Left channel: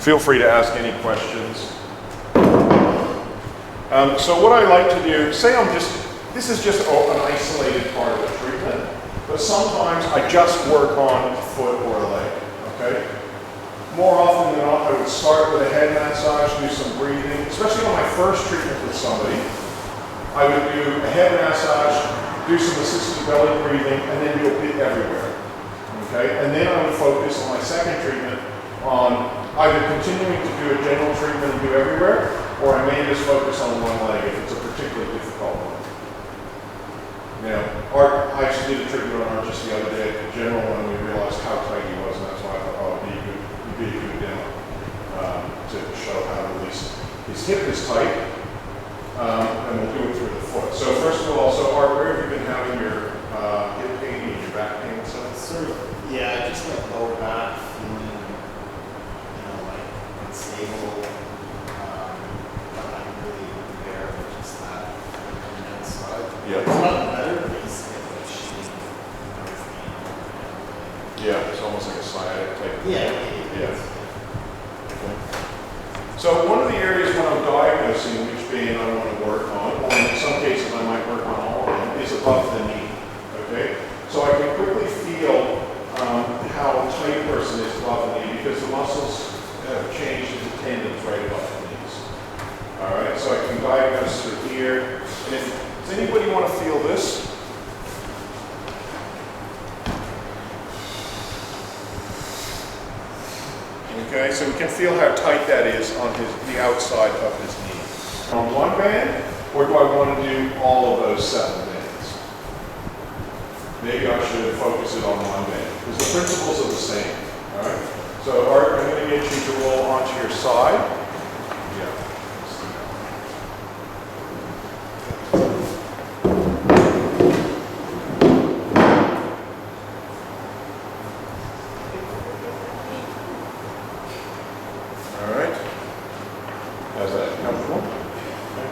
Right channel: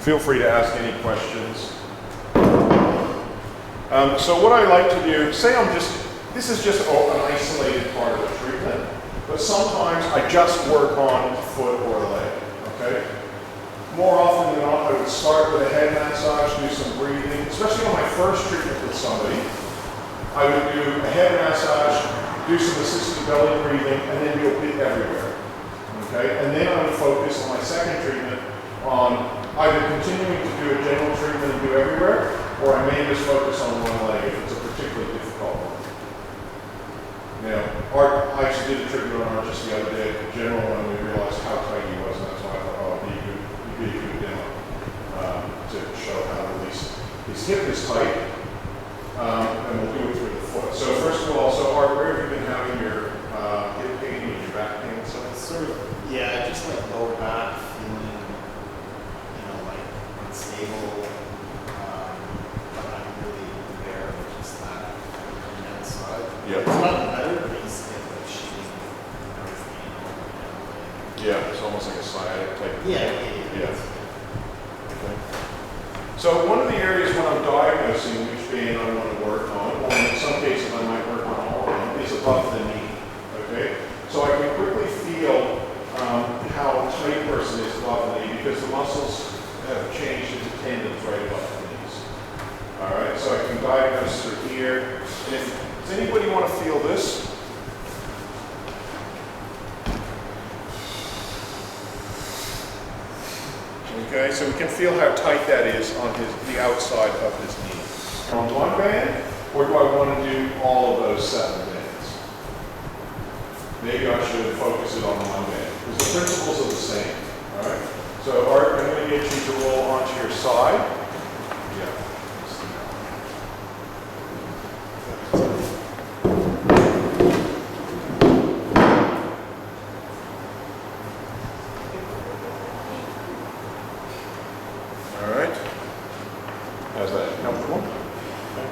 feel free to ask any questions. So what I like to do, say this is just an isolated part of the treatment, but sometimes I just work on a foot or a leg, okay? More often than not, I would start with a head massage, do some breathing, especially on my first treatment with somebody. I would do a head massage, do some assisted belly breathing, and then do a bit everywhere, okay? And then I would focus on my second treatment on either continuing to do a general treatment and do everywhere, or I may just focus on one leg if it's a particularly difficult one. Now, Art, I actually did a treatment on Art just the other day at the general when we realized how tight he was, and that's why I thought, oh, it'd be a good demo to show how to release it. His hip is tight, and we'll do it through the foot. So first of all, Art, where have you been having your hip pain and your back pain? So it's sort of, yeah, just like lower back, feeling, like unstable. Yeah. It's not better, but it's like shooting. Yeah, it's almost like a sciatic type. Yeah. Okay. So one of the areas when I'm diagnosing which pain I want to work on, or in some cases I might work on all of them, is above the knee. Okay. So I can quickly feel how tight a person is above the knee because the muscles have changed into tendons right above the knees. All right. So I can diagnose through here. And does anybody want to feel this? Okay, so we can feel how tight that is on the outside of his knee. On one band, or do I want to do all of those 7 bands? Maybe I should focus it on one band, because the principles are the same. All right. So Art, I'm going to get you to roll onto your side. Yeah. How's that? Comfortable? Okay.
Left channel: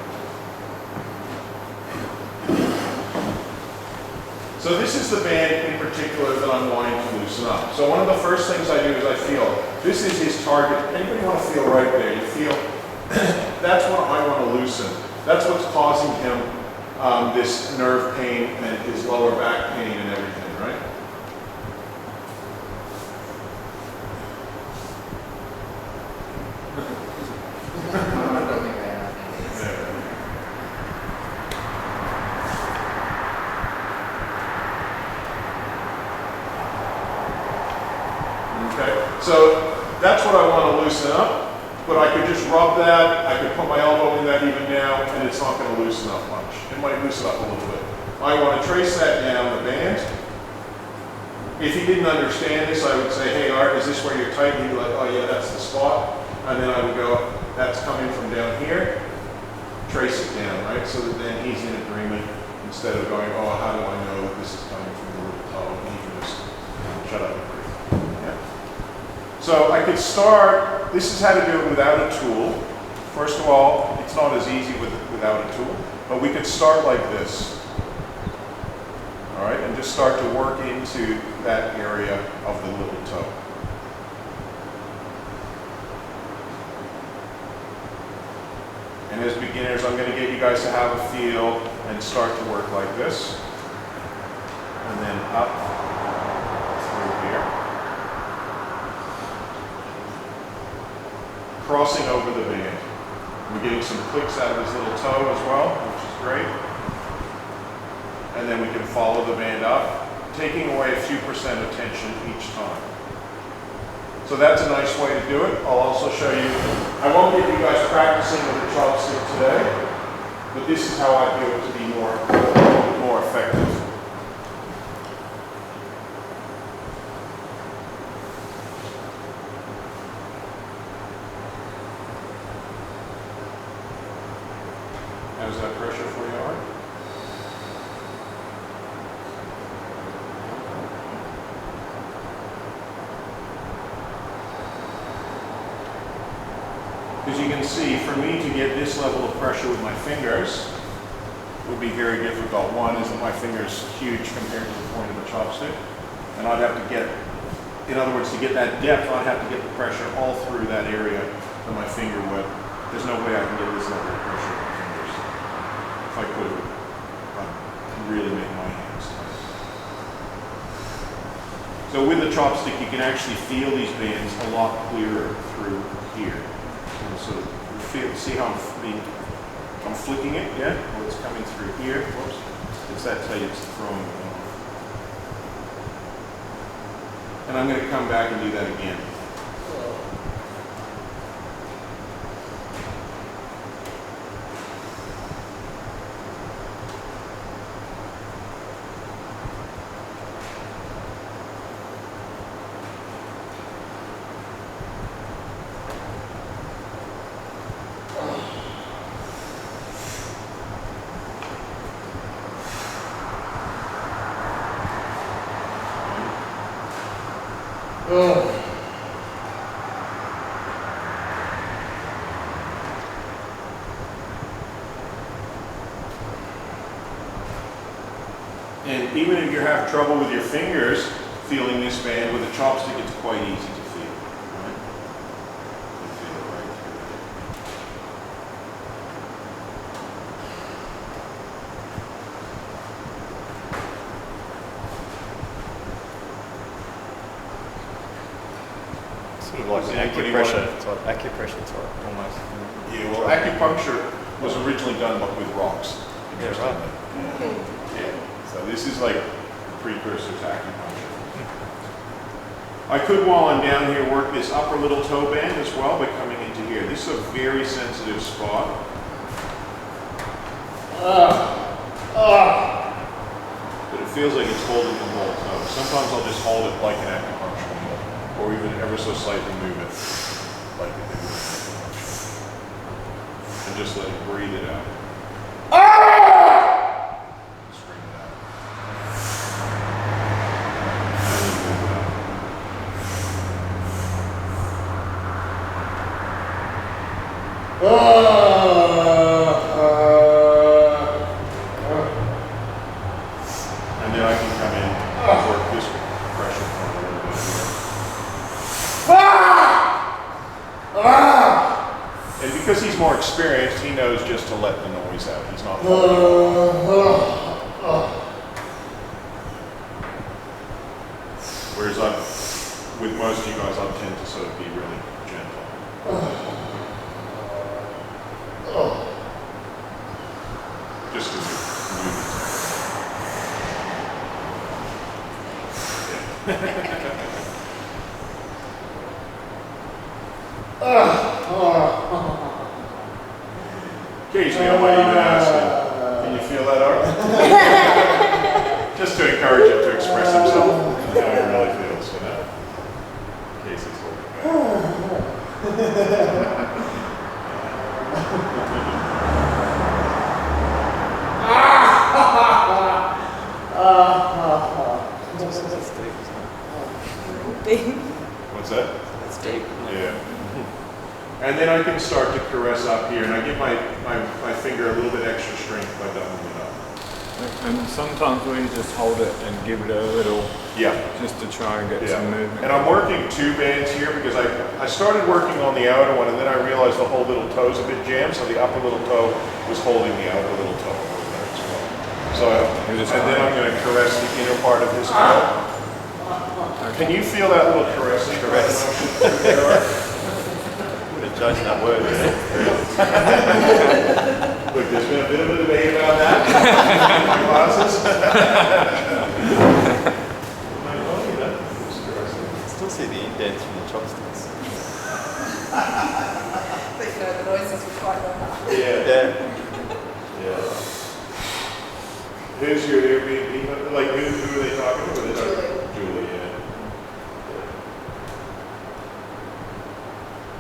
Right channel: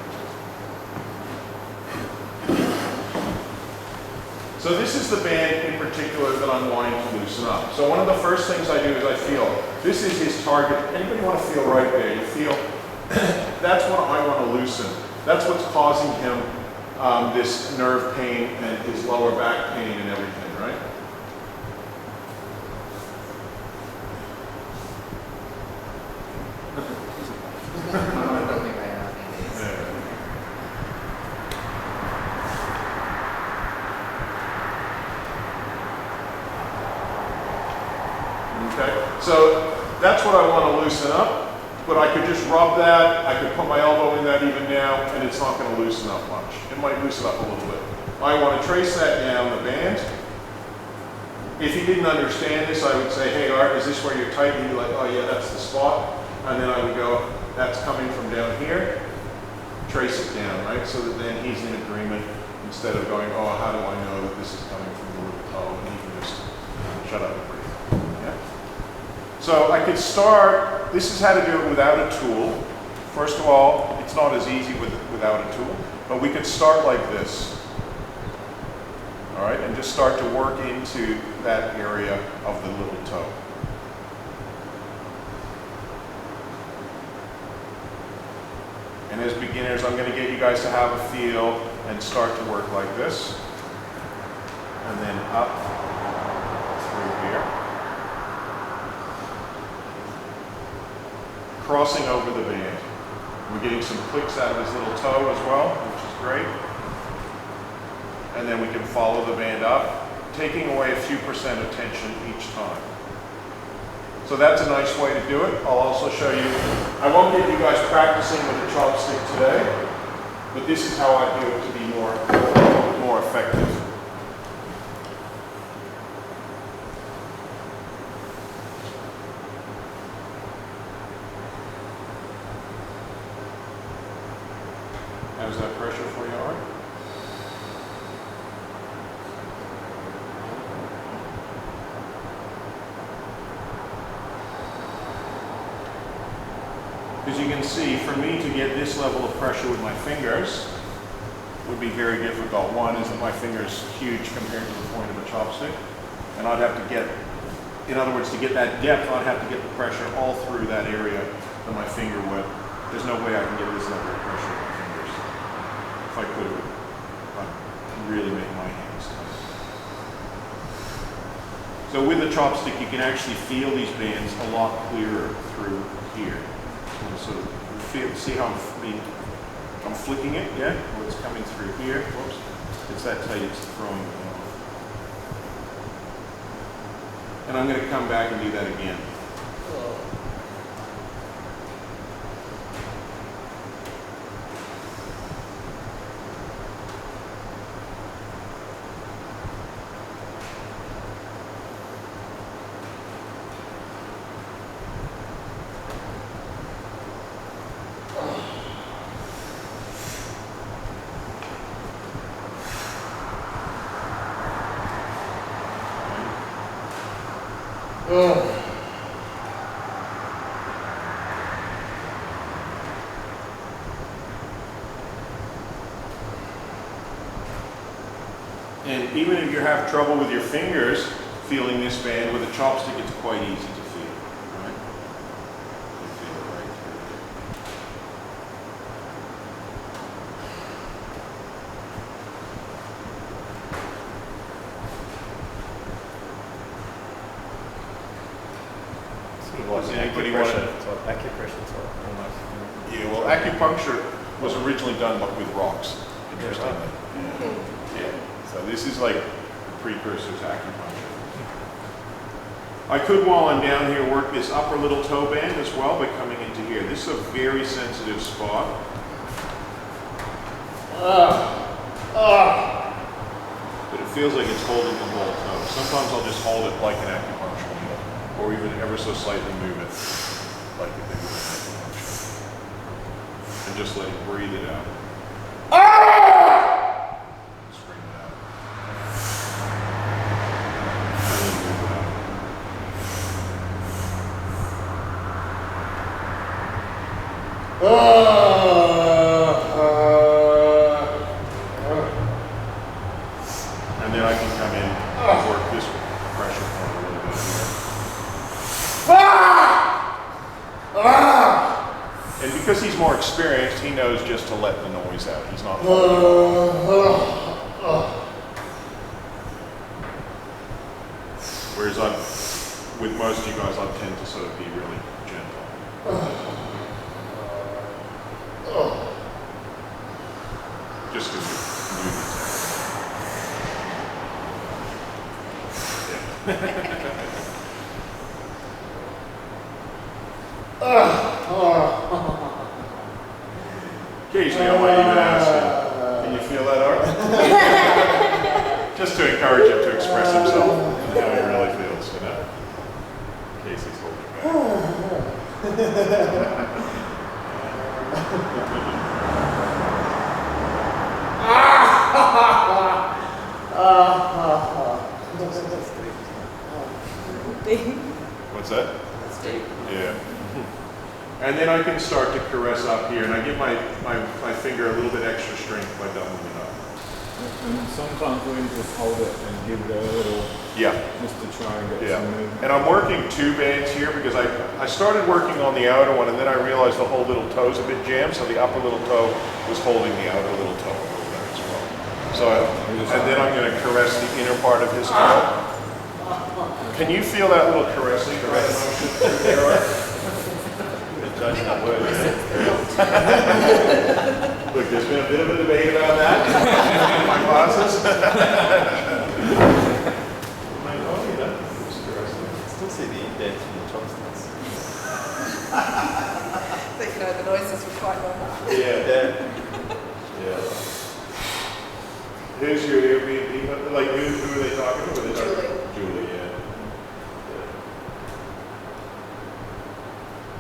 So this is the band in particular that I'm wanting to loosen up. So one of the first things I do is I feel, this is his target. Anybody want to feel right there? You feel, that's what I want to loosen. That's what's causing him this nerve pain and his lower back pain and everything, right? Okay, so that's what I want to loosen up, but I could just rub that, I could put my elbow in that even now, and it's not going to loosen up much. It might loosen up a little bit. I want to trace that down the band. If he didn't understand this, I would say, hey Art, is this where you're tight? He'd be like, oh yeah, that's the spot. And then I would go, that's coming from down here. Trace it down, right? So that then he's in agreement instead of going, oh, how do I know that this is coming from the little toe? And he can just shut up and breathe. Yeah? So I could start, this is how to do it without a tool. First of all, it's not as easy without a tool, but we could start like this. All right, and just start to work into that area of the little toe. And as beginners, I'm going to get you guys to have a feel and start to work like this. And then up through here. Crossing over the band. We're getting some clicks out of his little toe as well, which is great. And then we can follow the band up, taking away a few percent of tension each time. So that's a nice way to do it. I'll also show you, I won't get you guys practicing with a chopstick today, but this is how I do it to be more effective. How's that pressure for you, Art? As you can see, for me to get this level of pressure with my fingers would be very difficult. One is that my finger is huge compared to the point of a chopstick, and I'd have to get in other words, to get that depth, I'd have to get the pressure all through that area that my finger would. There's no way I can get this level of pressure with my fingers. If I could, I'd really make my hands tight. So with the chopstick, you can actually feel these bands a lot clearer through here. And so see how I'm flicking it, yeah? Well, it's coming through here. Whoops. It's that tight, it's throwing it off. And I'm going to come back and do that again. And even if you have trouble with your fingers feeling this band, with a chopstick it's quite easy to feel. Right? You feel it right Sort of like acupressure type, almost. Yeah, well, acupuncture was originally done with rocks, interestingly. Yeah, right. Yeah. So this is like a precursor to acupuncture. I could, while I'm down here, work this upper little toe band as well by coming into here. This is a very sensitive spot. But it feels like it's holding the whole toe. Sometimes I'll just hold it like an acupuncture needle, or even ever so slightly move it like they would an acupuncture. And just let it breathe it out. Spring it out. And then move it out. And then I can come in and work this pressure point a little bit here. And because he's more experienced, he knows just to let the noise out. He's not holding it. Whereas with most of you guys, I tend to sort of be really gentle. Just because the movement's Occasionally I might even ask him, can you feel that, Art? Just to encourage him to express himself and how he really feels, you know? In case he's holding What's that? That's deep. Yeah. And then I can start to caress up here, and I give my finger a little bit extra strength by doubling it up. And sometimes we just hold it and give it a little, Yeah. just to try and get Yeah. some movement. And I'm working two bands here because I started working on the outer one, and then I realized the whole little toe's a bit jammed, so the upper little toe was holding the outer little toe over there as well. So, and then I'm going to caress the inner part of his toe. Can you feel that little caressing motion through there, Art? Judging that word. Look, there's been a bit of a debate about that in my classes. Like, oh, you know, it's caressing. Still see the indents from the chopsticks. But you know, the noises were quite low. Yeah. Yeah. Who's your Airbnb? Like, who are they talking to? Julie. Julie, yeah.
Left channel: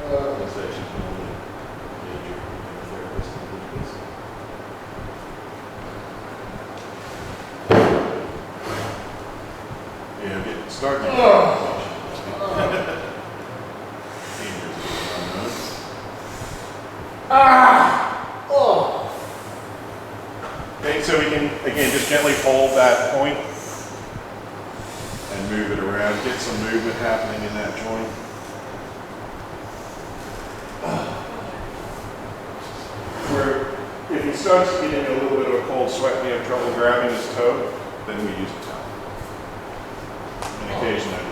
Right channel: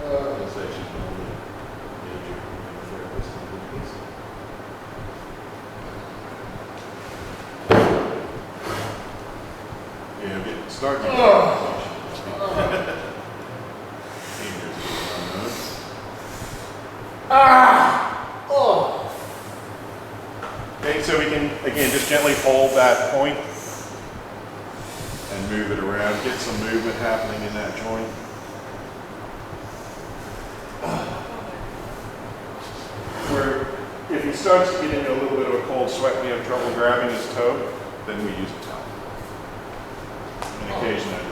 I'd say she's one of the major therapists in the business. Yeah, I'm starting to get Okay, so we can, again, just gently hold that point and move it around. get some movement happening in that joint. Where if he starts to get into a little bit of a cold sweat and you have trouble grabbing his toe, then we use a towel. And occasionally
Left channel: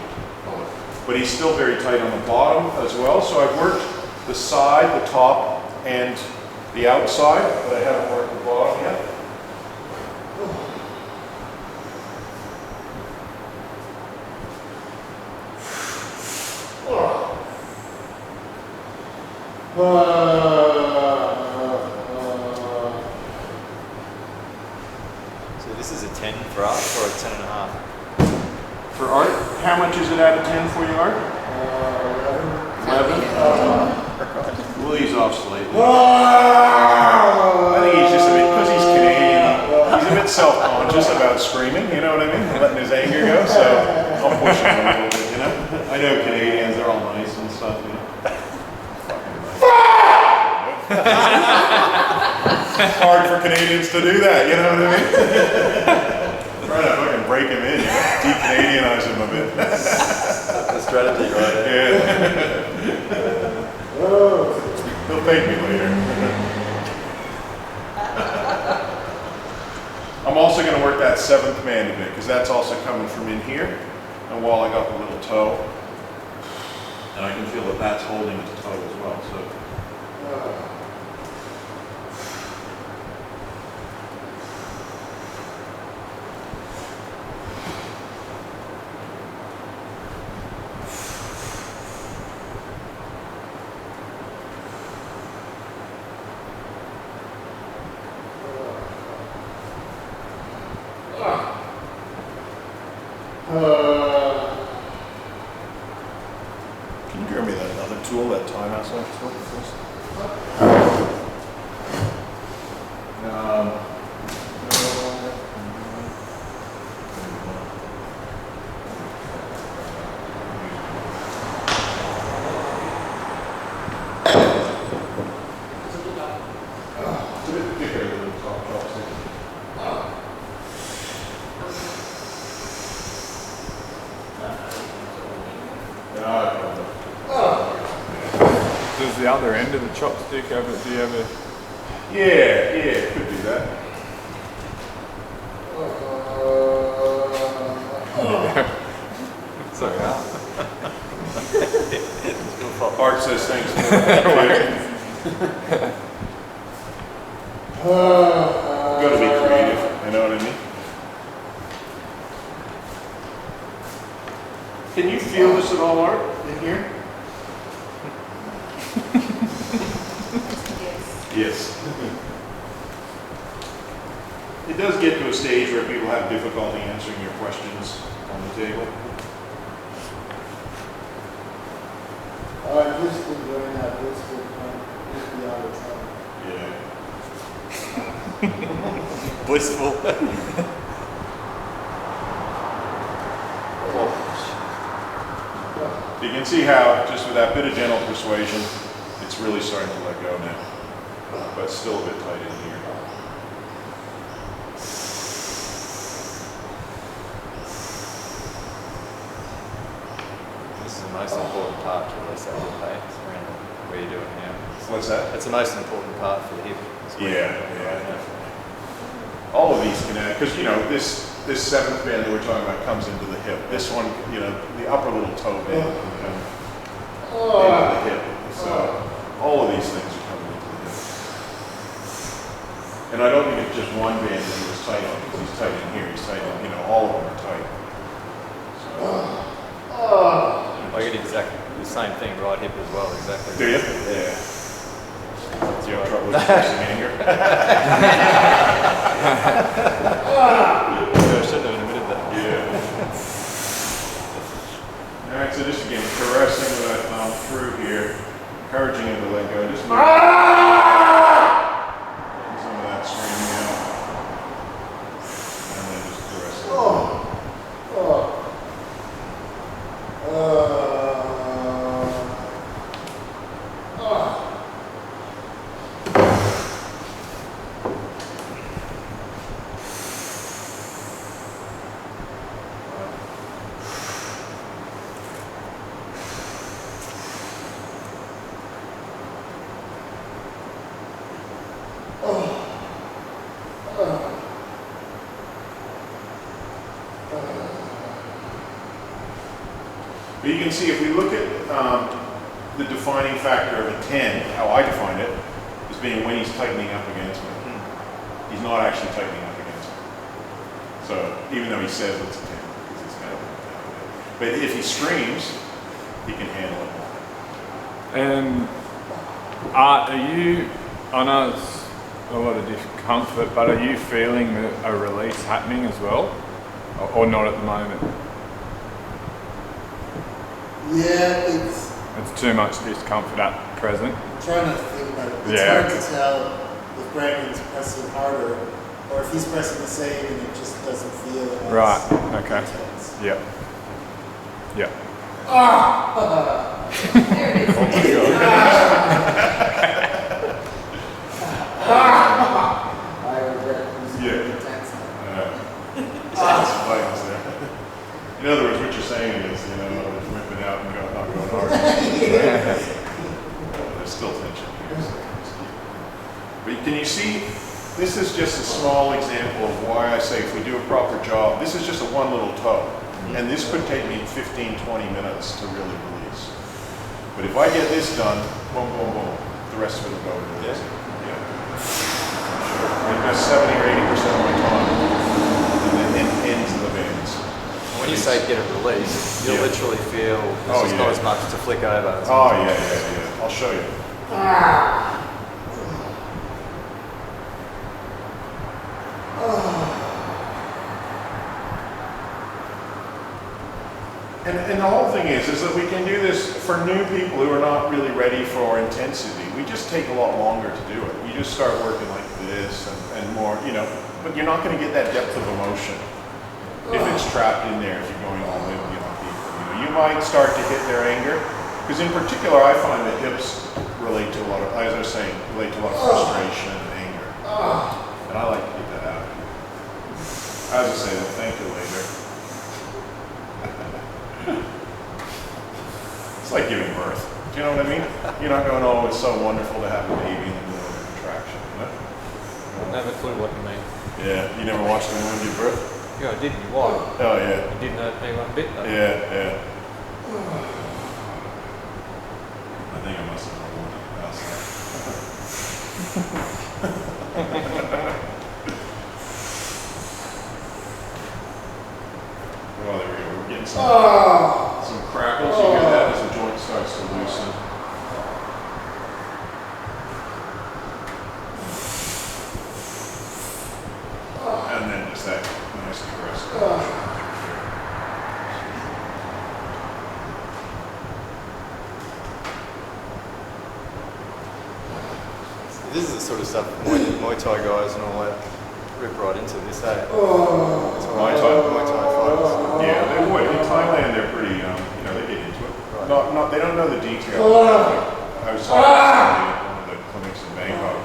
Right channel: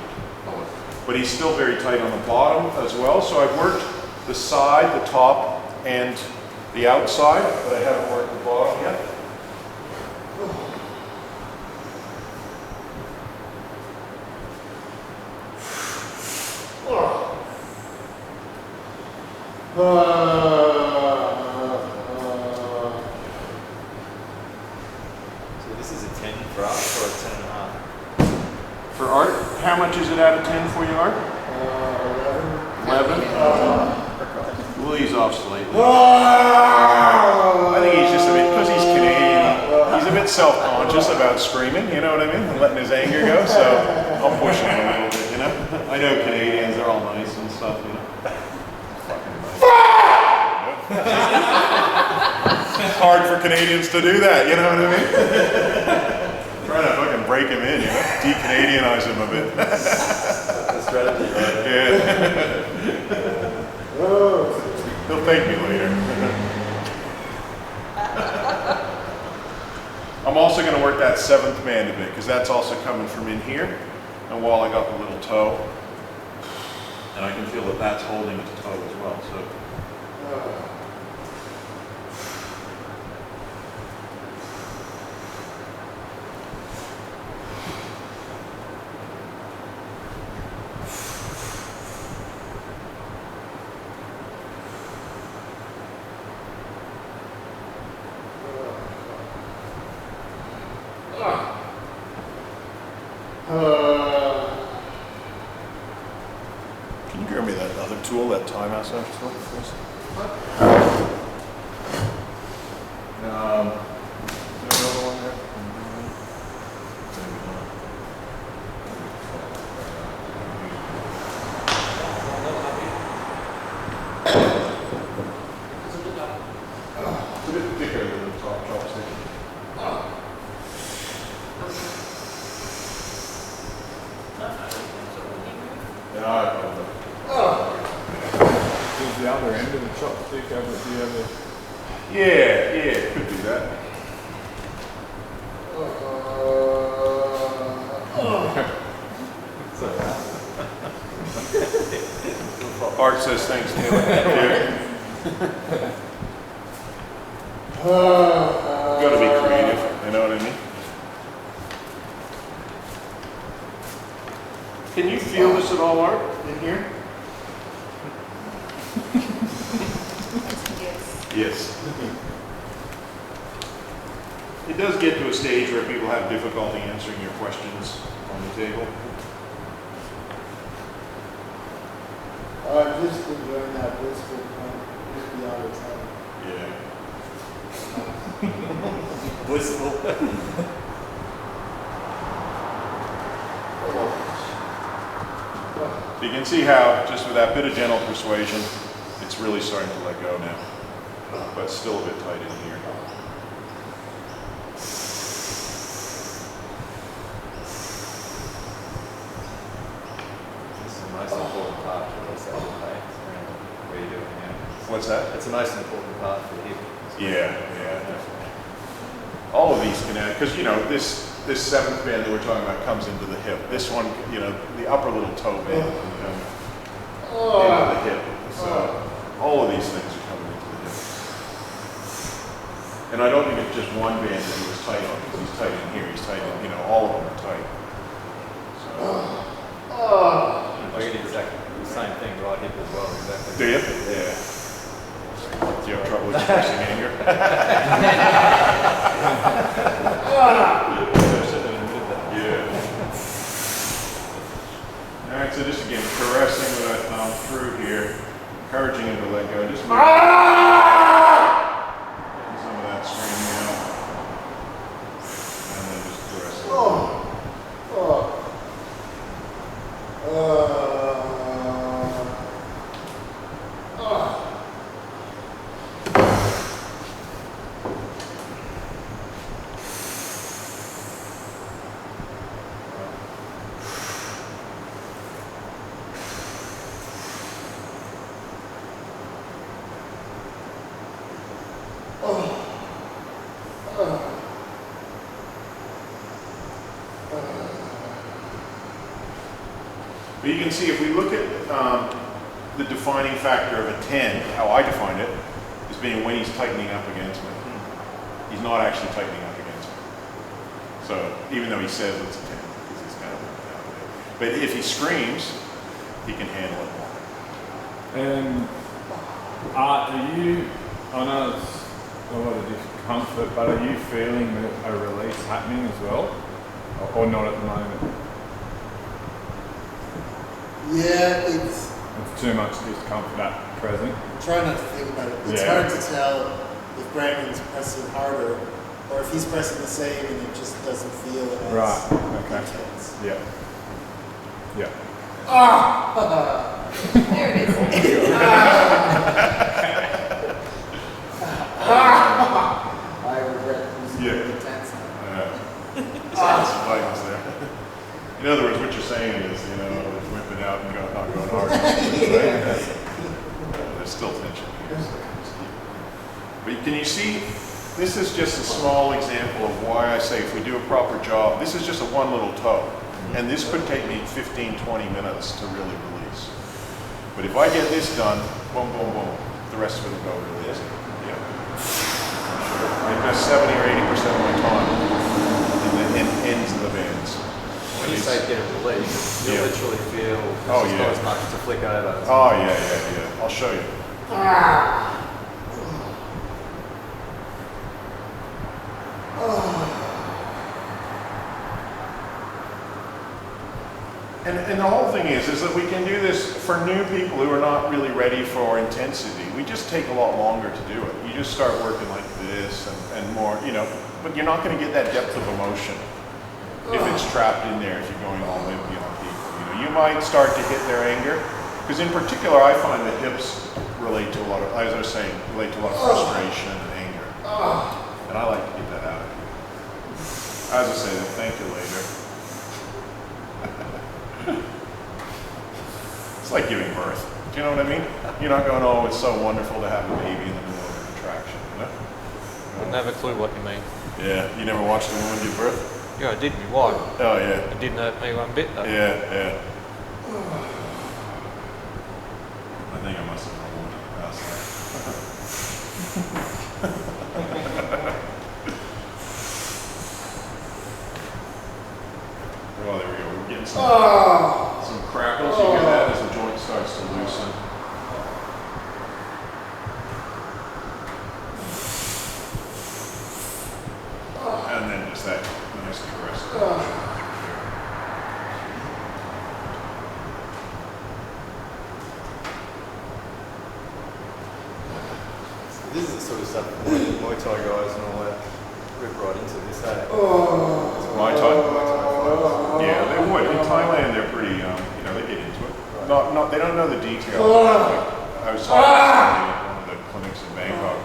pull it. But he's still very tight on the bottom as well, so I've worked the side, the top, and the outside, but I haven't worked the bottom yet. So this is a 10 for us or a 10.5? For Art, how much is it out of 10 for you, Art? 11? We'll ease off slightly. I think he's just a bit, because he's Canadian, he's a bit self-conscious about screaming, you know what I mean? And letting his anger go, so I'll push him a little bit, you know? I know Canadians, they're all nice and stuff, you know? Fucking nice. It's hard for Canadians to do that, you know what I mean? Trying to fucking break him in, you know? De-Canadianize him a bit. That's the strategy, right? Yeah. He'll thank me later. I'm also going to work that 7th mandible because that's also coming from in here. And while I got the little toe, and I can feel that that's holding his toe as well. So. Can you grab me that other tool, that Thai massage tool, please? It's a bit thicker than the top chopstick. Does the other end of the chopstick have it? Do you have a... Yeah, could do that. So yeah. Art says thanks to him. Gotta be creative, you know what I mean? Can you feel this at all, Art, in here? Yes. It does get to a stage where people have difficulty answering your questions on the table. I've just been doing that blissful point just beyond the time. Yeah. Blissful. You can see how, just with that bit of gentle persuasion, it's really starting to let go now. But it's still a bit tight in here. This is the most important part to this hip, hey? What are you doing here? What's that? It's the most important part for the hip. Yeah. All of these can add, because you know, this 7th band that we're talking about comes into the hip. This one, you know, the upper little toe band, you know, into the hip. So all of these things are coming into the hip. And I don't think it's just one band that he was tight on, because he's tight in here, he's tight in, you know, all of them are tight. So, I get exactly the same thing, right hip as well, exactly. do you? Yeah. Do you have trouble expressing anger? I should have admitted that. Yeah. All right, so just again, caressing with that thumb through here, encouraging him to let go. Just getting some of that screaming out. And then just caressing. But you can see if we look at the defining factor of a 10, how I define it, is being when he's tightening up against me. He's not actually tightening up against me. So even though he says it's a 10, because he's kind of down a bit. But if he screams, he can handle it more. And are you, I know it's a lot of discomfort, but are you feeling a release happening as well? Or not at the moment? Yeah, it's. It's too much discomfort at present. Try not to think about it. It's hard to tell if Brandon's pressing harder or if he's pressing the same and it just doesn't feel as intense. Yep. Yep. There it is. I regret using the intense. Spikes there. In other words, what you're saying is, it's whipping out and not going hard. There's still tension here. So but can you see, this is just a small example of why I say if we do a proper job, this is just a one little toe. And this could take me 15, 20 minutes to really release. But if I get this done, boom, boom, boom, the rest of it will go really easy. Yeah. I invest 70 or 80% of my time in the ends of the bands. When you say get a release, you'll literally feel there's just not as much to flick over. Oh, yeah. I'll show you. And the whole thing is that we can do this for new people who are not really ready for intensity. We just take a lot longer to do it. You just start working like this and more, but you're not going to get that depth of emotion if it's trapped in there, if you're going all in on people. You might start to hit their anger, because in particular I find that hips relate to a lot of, as I was saying, relate to a lot of frustration and anger. And I like to get that out. As I say, they'll thank you later. It's like giving birth. Do you know what I mean? You're not going, oh, it's so wonderful to have a baby in the middle of a contraction. I never clue what you mean. Yeah, you never watched a woman give birth? Yeah, I did. Why? Oh, yeah. It didn't hurt me one bit though. Yeah. I think I must have known one outside. Oh, there we go. We're getting some crackles. You hear that as the joint starts to loosen. And then just that nice caress. This is the sort of stuff Muay Thai guys and all that rip right into this, eh? Muay Thai? Muay Thai fighters. Yeah, they would. In Thailand, they're pretty, they get into it. Right. They don't know the detail. I was talking to somebody at one of the clinics in Bangkok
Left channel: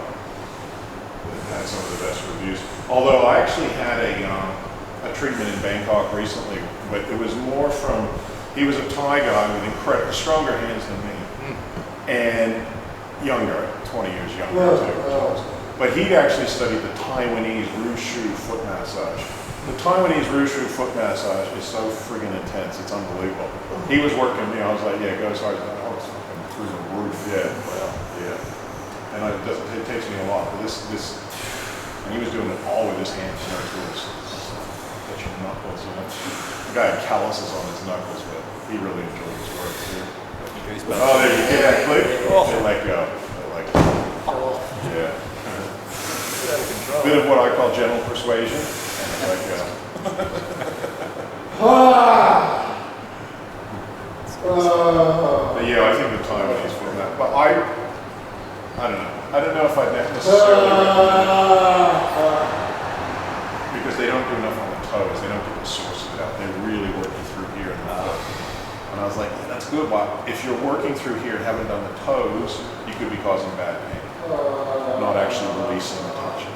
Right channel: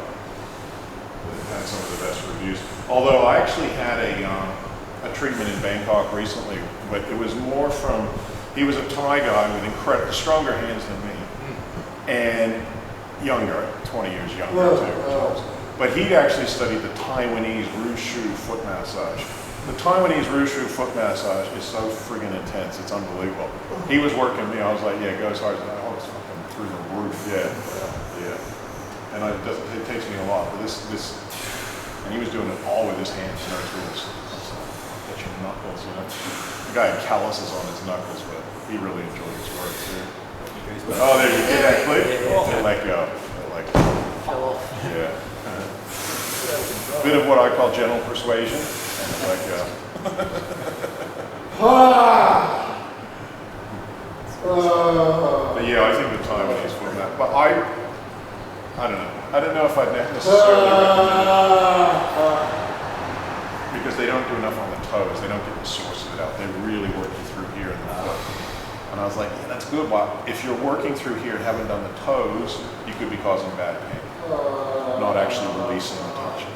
that had some of the best reviews. Although I actually had a treatment in Bangkok recently, but it was more from, he was a Thai guy with incredible, stronger hands than me. And younger, 20 years younger too. But he'd actually studied the Taiwanese Wushu foot massage. The Taiwanese Wushu foot massage is so friggin' intense, it's unbelievable. He was working me, I was like, yeah, go as hard as that. Oh, it's fucking through the roof. Yeah, well, yeah. And it takes me a lot, but this, and he was doing it all with his hands, no tools. Touch your knuckles, The guy had calluses on his knuckles, but he really enjoyed his work too. Oh, there you get that clip? They let go. Yeah. A bit of what I call gentle persuasion, and they let go. But yeah, I think the Taiwanese for that. But I don't know. I don't know if I'd necessarily recommend it. Because they don't do enough on the toes. They don't get the source of it out. They really work you through here in the foot. And I was like, yeah, that's good. But if you're working through here and haven't done the toes, you could be causing bad pain. Not actually releasing the tension.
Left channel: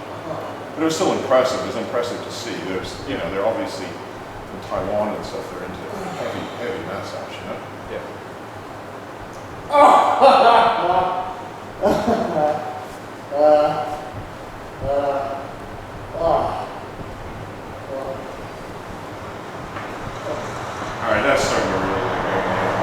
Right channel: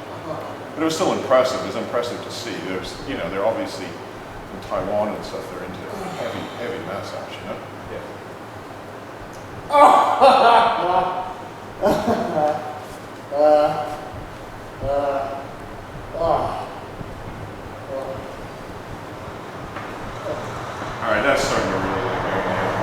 But it was still impressive. It was impressive to see. There's, they're obviously in Taiwan and stuff, they're into heavy massage, Yeah. All right, that's starting to really go now.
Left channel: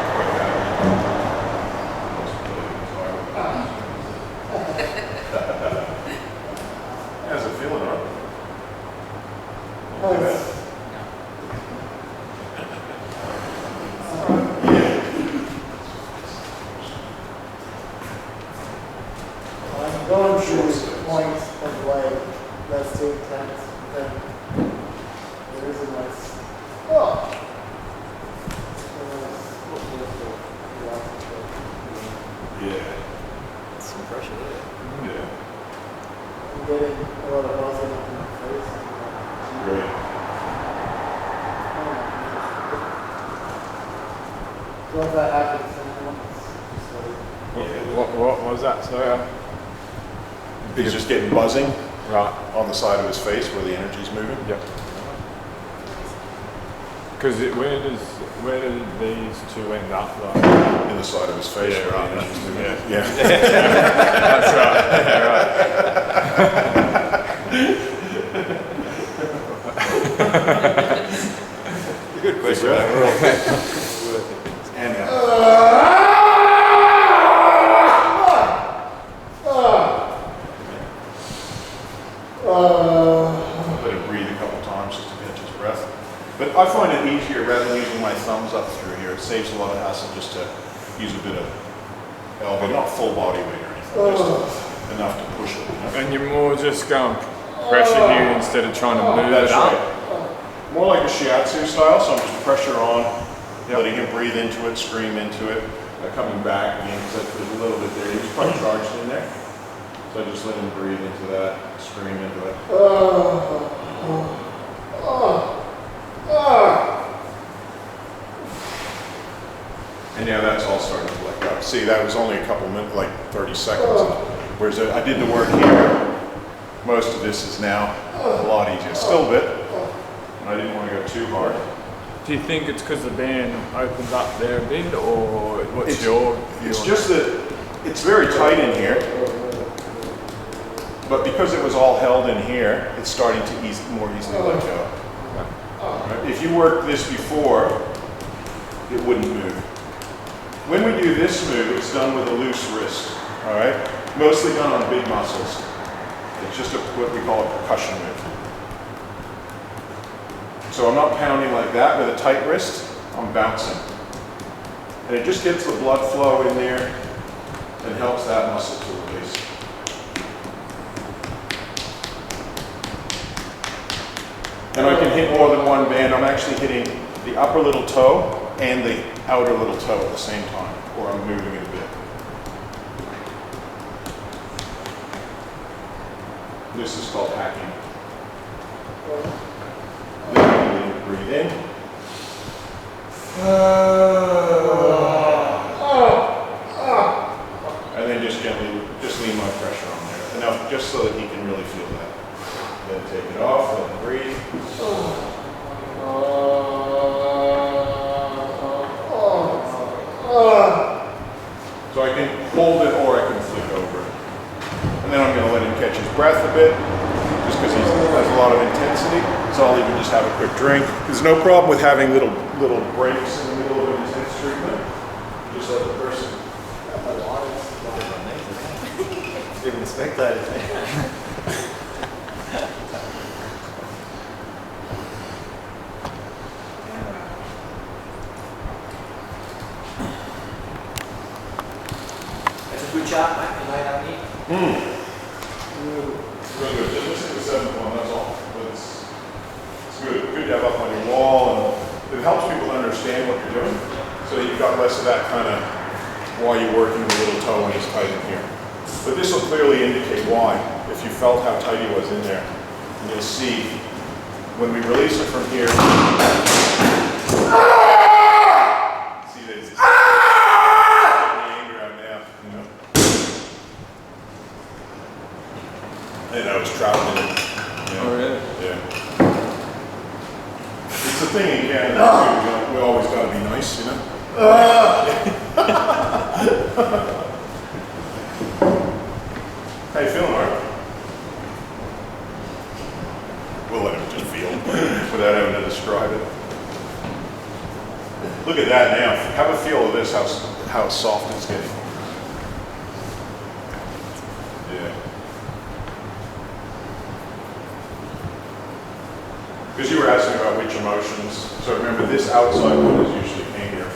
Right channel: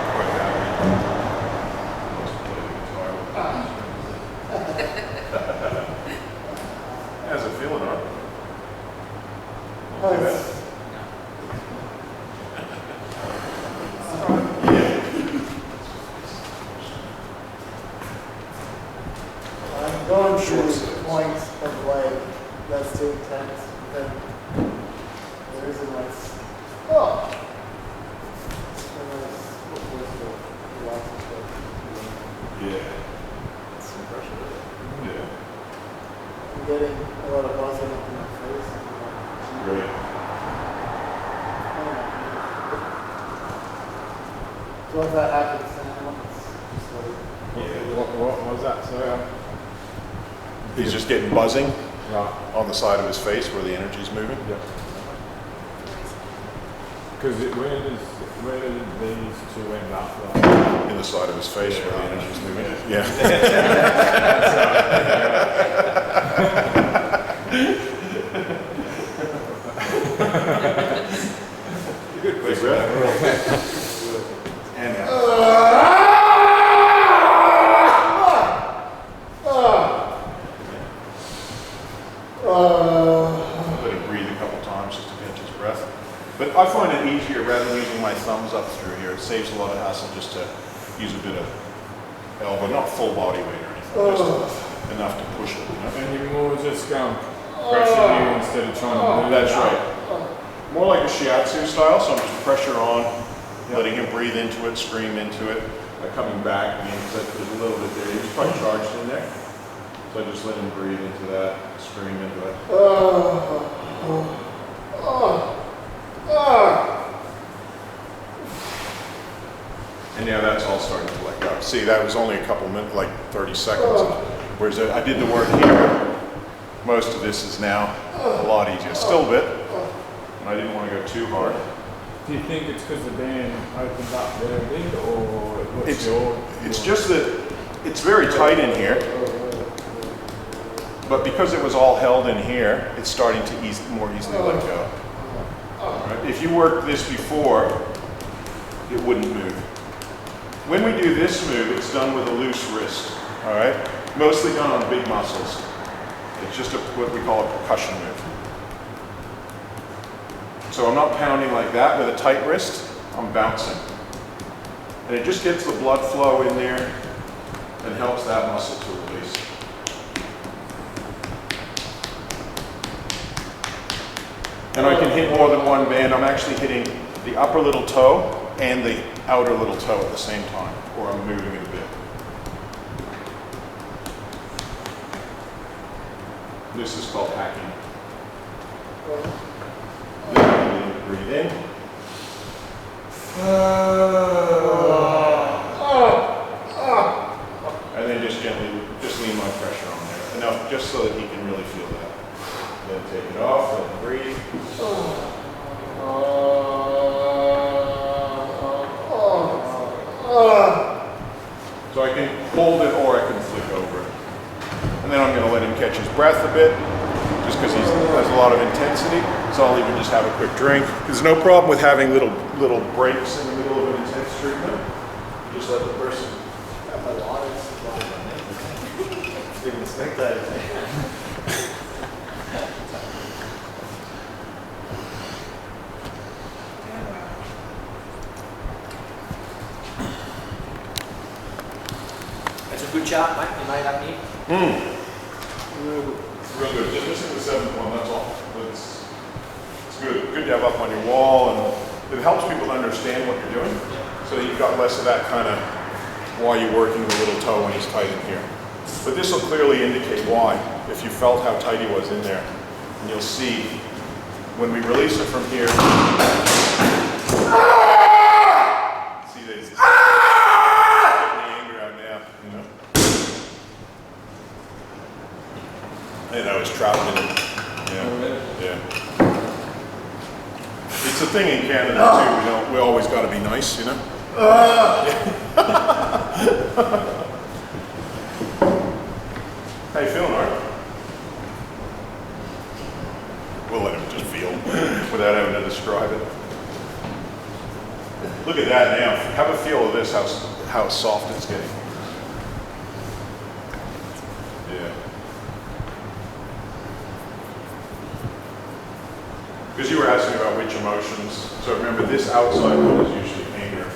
to the point of like that's too intense, then there is a nice. Oh. Yeah. Some pressure there. Yeah. I'm getting a lot of buzzing up in my face. Great. So if that happens, then it's just like. Yeah. What was that, sorry? He's just getting buzzing Right. on the side of his face where the energy's moving. Yep. Because where did these two end up? Like? In the side of his face Yeah, where right. the energy's moving. Yeah. That's right. Good question. breath. We're all And let him breathe a couple times just to catch his breath. But I find it easier rather than using my thumbs up through here. It saves a lot of hassle just to use a bit of elbow, not full body weight or anything, just enough to push it. You know? And you're more just going pressure you instead of trying to move That's it up. right. More like a shiatsu style, so I'm just pressure on, letting him breathe into it, scream into it, coming back again, because I put a little bit there. He was probably charged in there. So I just let him breathe into that, scream into it. And now that's all starting to let go. See, that was only a couple minutes, like 30 seconds. Whereas I did the work here. Most of this is now a lot easier. Still a bit. And I didn't want to go too hard. Do you think it's because the band opens up there a bit, or what's It's- your? It's just that it's very tight in here. But because it was all held in here, it's starting to more easily let go. Right? If you worked this before, it wouldn't move. When we do this move, it's done with a loose wrist. All right, mostly done on big muscles. It's just what we call a percussion move. So I'm not pounding like that with a tight wrist. I'm bouncing, and it just gets the blood flow in there and helps that muscle to release. And I can hit more than one band. I'm actually hitting the upper little toe and the outer little toe at the same time, or I'm moving it a bit. This is called hacking. Then breathe in. And then just gently, just lean my pressure on there. Enough just so that he can really feel that. Then take it off, let him breathe. So I can hold it or I can flick over it. And then I'm going to let him catch his breath a bit, just because he has a lot of intensity. So I'll even just have a quick drink. There's no problem with having little breaks in the middle of an intense treatment. Just let the person. Even the spectators. It's a good chart, mate. You made up here. It's real good. Just listen to the seventh one, that's all. But it's good. Good to have up on your wall, and it helps people understand what you're doing. So you've got less of that kind of why you're working the little toe when he's tight in here. But this will clearly indicate why, if you felt how tight he was in there. And you'll see when we release it from here. See, there's getting the anger out now, you know. And I was trapped in it. Yeah. Oh, really? Yeah. It's a thing in Canada too. We always got to be nice, you know. How you feeling, Art? We'll let him just feel without having to describe it. Look at that now. Have a feel of this, how soft it's getting. Yeah. Because you were asking about which emotions. So remember, this outside one is usually anger and